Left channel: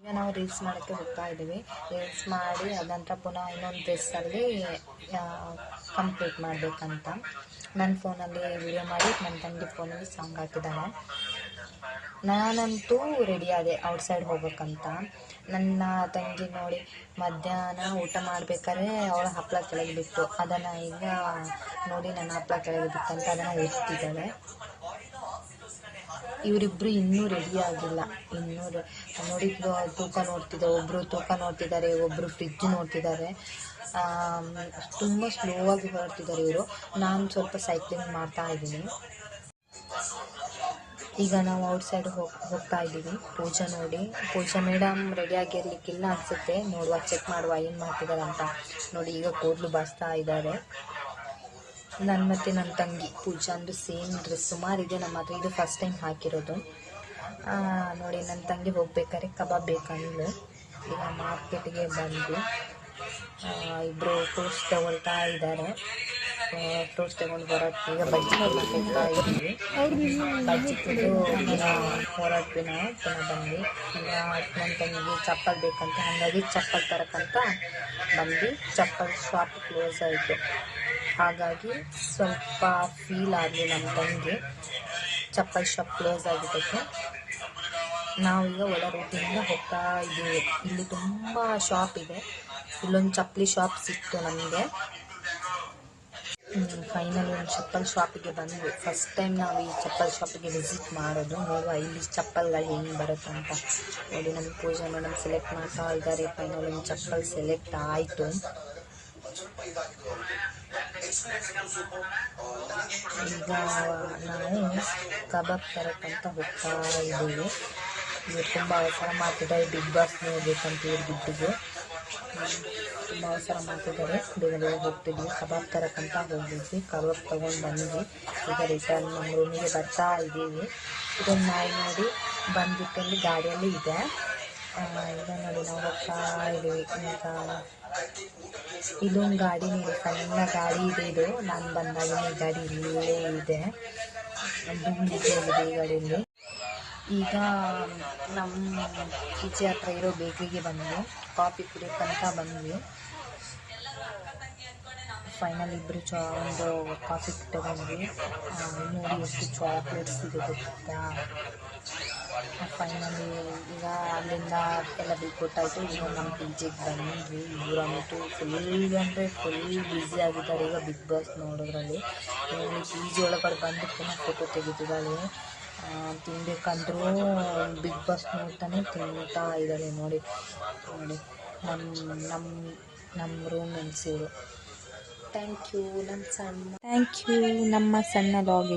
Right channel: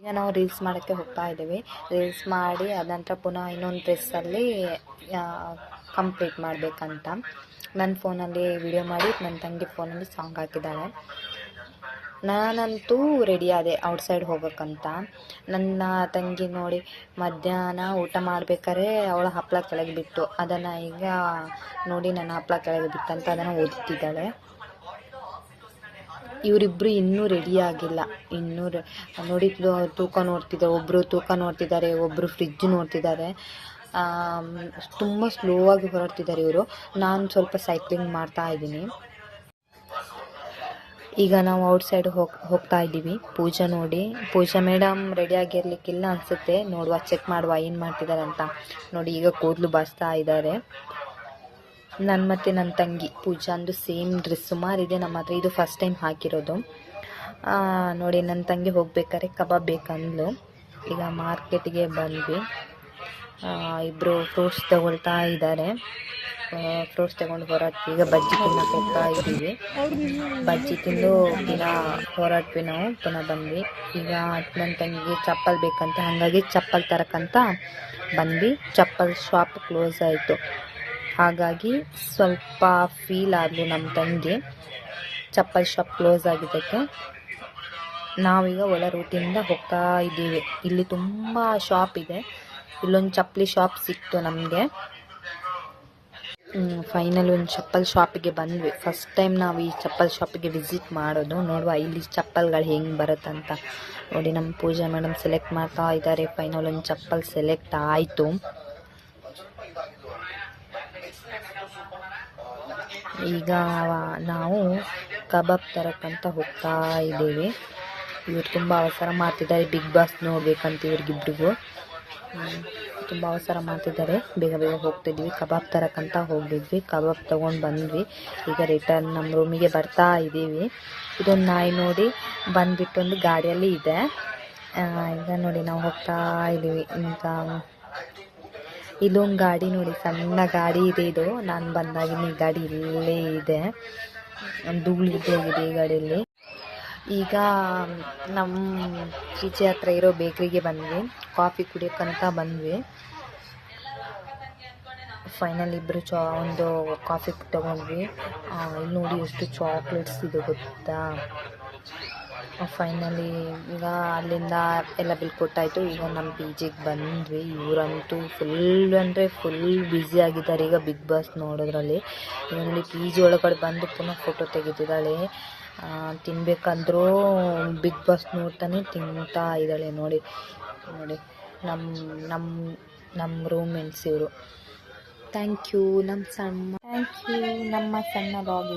ಈಗ ನಾವು ರೀಲ್ಸ್ ಮಾಡೋಕ್ಕೆ ಹೋಗ್ತಾ ಇದ್ದೀವಿ. ರೀಲ್ಸ್ ಮಾಡಿ ಅದ ನಂತರ ಪುನಃ ಇನ್ನೊಂದು ಡ್ರೆಸ್ಸಲ್ಲಿ ಕಂಪ್ಲೀಟ್ ಮಾಡಬೇಕಂತ ನನ್ನ ಫೋನಲ್ಲಿ ವಿಡಿಯೋ ಮಾಡಿ ನನ್ನ ತಂಗಿ ಫೋನಲ್ಲಿ ಸಾಂಗ್ ಹಾಕಿದ್ದಾಳೆ. ನಾನಂತೂ ರೆಡಿ ಆದೆ ಔಟ್ಸೈಡ್ ಹೋಗ್ಬೇಕಂತ. ನನ್ನ ತಂಗಿ ನೋಡಿ ಮಧ್ಯಾಹ್ನ ಊಟ ಮಾಡ್ಬೇಕಾದ್ರೆ ಅವಳ ಹಪ್ಪಳ ಕೆಳಗೆ ಬಿಟ್ಟು ಅದನ್ನು ಈಗ ನೋಡಿ ನನ್ನ ಹಪ್ಪಳ ಕೆಳಗೆ ಬಿತ್ತಂತ ಅದನ್ನು ಓದ್ತಿದ್ದಾಳೆ. ಇವರಿಬ್ಬರು ಇನ್ನೂ ರೆಡಿ ಆಗಿಲ್ಲ. ಇನ್ನೂ ನೋಡಿ ತೂಕ ನೋಡ್ತಿದ್ದಾರೆ, ಒಬ್ಬರು ತೂಕ ನೋಡ್ತಿದ್ದಾರೆ, ಒಬ್ಬರು ಫ್ರಿಜ್ ನೋಡ್ತಿದ್ದಾರೆ. ತುಂಬ ಸ್ಲೋ ಆಗಿ ಹೊರಡ್ತಿದ್ದಾರೆ ಇವರು. ನಾನು ಸ್ವಲ್ಪ ಸೈಕ್ಲಿಂಗ್ ಮಾಡ್ತಾ ಇದ್ದೀನಿ. ಈಗ ನಾವು ಔಟ್ಸೈಡ್ ಹೋಗ್ತಾ ಇದ್ದೀವಿ. ಪೂಜಾ ಮೇಡಮ್ ರೆಡಿ ಆಗಿರ್ಲಿಕ್ಕಿಲ್ಲ ಅನಿಸುತ್ತೆ. ನೋಡುವ, ಚೆಕ್ ಮಾಡುವ ಏನು ಮಾಡ್ತಿದ್ದಾರೆ ಅಂತ. ನೋಡಿ ಈಗ ಕೂದಲು ಬಾಚ್ತಾ ಇದ್ದಾರೆ. ಮತ್ತು ನನ್ನ ತಂಗಿ ಪೂಜಾ ಅಂದು ಸೇಮ್ ಡ್ರೆಸ್ ಸುಮಾರಿದೆ ನಮ್ಮ ಹತ್ರ. ಇದು ಫಸ್ಟ್ ಟೈಮ್ ಹಾಕಿರೋದು. ನೋಡಿ ನನ್ನ ತಂಗಿ ಹೋಗ್ಬೇಕಾದ್ರೆ ಕಬಾಬ್ ಬೇಕಂದ್ಲು. ಈಗ ಮಾರ್ಕೆಟ್ಗೆ ಬಂದ್ವಿ. ಇಬ್ಬರು ಫ್ರೂಟ್ಸ್ ತಗೊಳ್ತಾ ಇದ್ದಾರೆ. ಫ್ರೂಟ್ಸ್ ತಗೊಂಡು ಹೊರಟ್ವಿ. ಈಗ ಬಜ್ಜಿ ಹೋಗ್ತಾ ಇದ್ದೀವಿ. ಬಜ್ಜಿ ತಿಂದು ಹೊರಟ್ವಿ ನಾವು. ಪುನಃ ಬಂದ್ವಿ. ಈಗ ನನ್ನ ತಂಗಿಗೆ ಚಪ್ಪಲ್ ಬೇಕಂತ, ಹಾಗಾಗಿ ಚಪ್ಪಲ್ ತರಕ್ಕಂತ ಬಂದ್ವಿ. ಚಪ್ಪಲ್ ಶಾಪ್ ಕ್ಲೋಸ್ ಆಯಿತು. ಹಾಗಾಗಿ ಸ್ವಲ್ಪ ಫೀಲ್ ಆದವು ನಮ್ಮ ತಂಗಿ. ಚಪ್ಪಲ್ ಶಾಪ್ ಕ್ಲೋಸ್ ಆಗಿದ್ದಕ್ಕೆ ನಾವೀಗ ಒಳ ರೂಟಿಂದ ಹೋಗ್ತಾ ಇದ್ದೀವಿ. ಇಲ್ಲಿ ತುಂಬ ಶಾಪ್ ಇದೆ. ಇಲ್ಲೊಂದು ಚಪ್ಪಲಿ ಶಾಪ್ ಸಿಕ್ತು ನಮಗೆ. ಫೈನಲ್ ಒಂದು ಚಪ್ಪಲ್ ಶಾಪಿಗೆ ಬಂದ್ವಿ. ಫಸ್ಟ್ ಟೈಮ್ ನಾವು ಈ ಚಪ್ಪಲ್ ಶಾಪಿಗೆ ವಿಸಿಟ್ ಮಾಡೋದು. ನೋಡುವ ಇಲ್ಲಿ ಚಪ್ಪಲ್ಗಳು ಹೆಂಗೆ ಬರುತ್ತಂತ. ನೋಡಿ ನಮ್ಮ ಪೂಜಾ ಮೇಡಮ್ ಸೆಲೆಕ್ಟ್ ಮಾಡ್ತಾ ಇದ್ದಾರೆ. ಫೈನಲ್ ಒಂದು ಚಪ್ಪಲ್ ಸೆಲೆಕ್ಟ್ ಆಯಿತು. ಈಗ ನಾವು ಕಬಾಬ್ ತರಕ್ಕಂತ ಹೋಗ್ತಾ ಇದ್ದೀವಿ. ಇವ್ರು ತುಂಬ ಅವಸರ ಮಾಡ್ತಿದ್ದಾರೆ. ಬಿಗ್ ಬಾಸ್ ನೋಡ್ಬೇಕಂತ ಇವ್ರಿಗಿಬ್ರಿಗೂ ತುಂಬ ಅವಸರ ಮಾಡ್ತಿದ್ದಾರೆ. ಬೇಗ ಬೇಗ ಹೋಗ್ತಿದ್ವಿ. ಕಬಾಬ್ ತರಕ್ಕಂತ ಹೋಗಿದ್ವಿ. ಕಬಾಬ್ ತೊಗೊಂಡು ಬಂದ್ವಿ. ಈಗ ರಿಟರ್ನ್ ನಮ್ಮ ರೂಮಿಗೆ ಬರ್ತಾ ಇದ್ದೀವಿ. ಇದೊಂದು ನಾಯಿ ನೋಡಿ ಬಂದುಬಿಟ್ಟು ಒಂದು ಗಾಡಿಯಲ್ಲಿ ಇದೆ. ಈಗ ನೋಡಿ ನಾವು ಹೋಗ್ತಾ ಇದ್ದೀವಿ. ಈಗ ಇಲ್ಲೊಂದು ಗಾಡಿ ನೋಡಿ, ಸಣ್ಣ ಗಾಡಿ ಇದೆ. ಇದು ನಾನು ಬಂದಾಗಿನ ಈ ಗಾಡಿ ಇಲ್ಲೇ ಇದೆ. ಧೂಳು ಇದೆ ಈ ಗಾಡಿಯಲ್ಲಿ. ಈಗ ನಮ್ಮ ಈಚೆ ಹತ್ರ ಇರೋ ಬೇಕ್ರಿಗೆ ಬಂದ್ವಿ. ಕಾಫಿ ಕುಡಿಯೋಕ್ಕಂತ ಬಂದ್ವಿ. ಫೈನಲ್ ಇಬ್ಬರು ಒಂದು ಕಾಫಿ ತಗೊಂಡ್ವಿ. ನೋಡಿ ಎಷ್ಟು ಚಾಕ್ಲೇಟ್ಸ್ ಇದೆ ಗೊತ್ತಾ. ಫೈನಲಿ ಈಗ ಅಲ್ಲಿಂದ ಎಲ್ಲ ಬಿಲ್ ಕೊಟ್ಟಾಯಿತು. ಈಗ ನಮ್ಮ ಪಿ ಜಿಗೆ ಬಂದ್ವಿ. ಇವರಂತೂ ಫುಲ್ ಅಂದರೆ ಫುಲ್ ಬ್ಯುಸಿ ಆಗಿದ್ದಾರೆ ಈಗ ಬಿಗ್ ಬಾಸ್ ನೋಡೋದ್ರಲ್ಲಿ. ಇಲ್ಲಿ ಪಿ ಜಿ ಒಳಗಡೆ ಬಂದು ಪುನಃ ಫೋಟೋ ತೆಗಿತಿದ್ದಾಳೆ. ತಿನ್ಬೇಕಂದ್ರೂ ಬಿಗ್ ಬಾಸ್ ನೋಡ್ತಾನೆ ತಿಂತಾ ಇದ್ದಾಳೆ. ನೋಡಿ ನಮ್ಮ ರೂಮ್ಮೇಟ್ಸ್ ಇವರು. ಥ್ಯಾಂಕ್ ಯು ನಮ್ಮ ಸಣ್ಣ ಲಾಗಿಗೆ.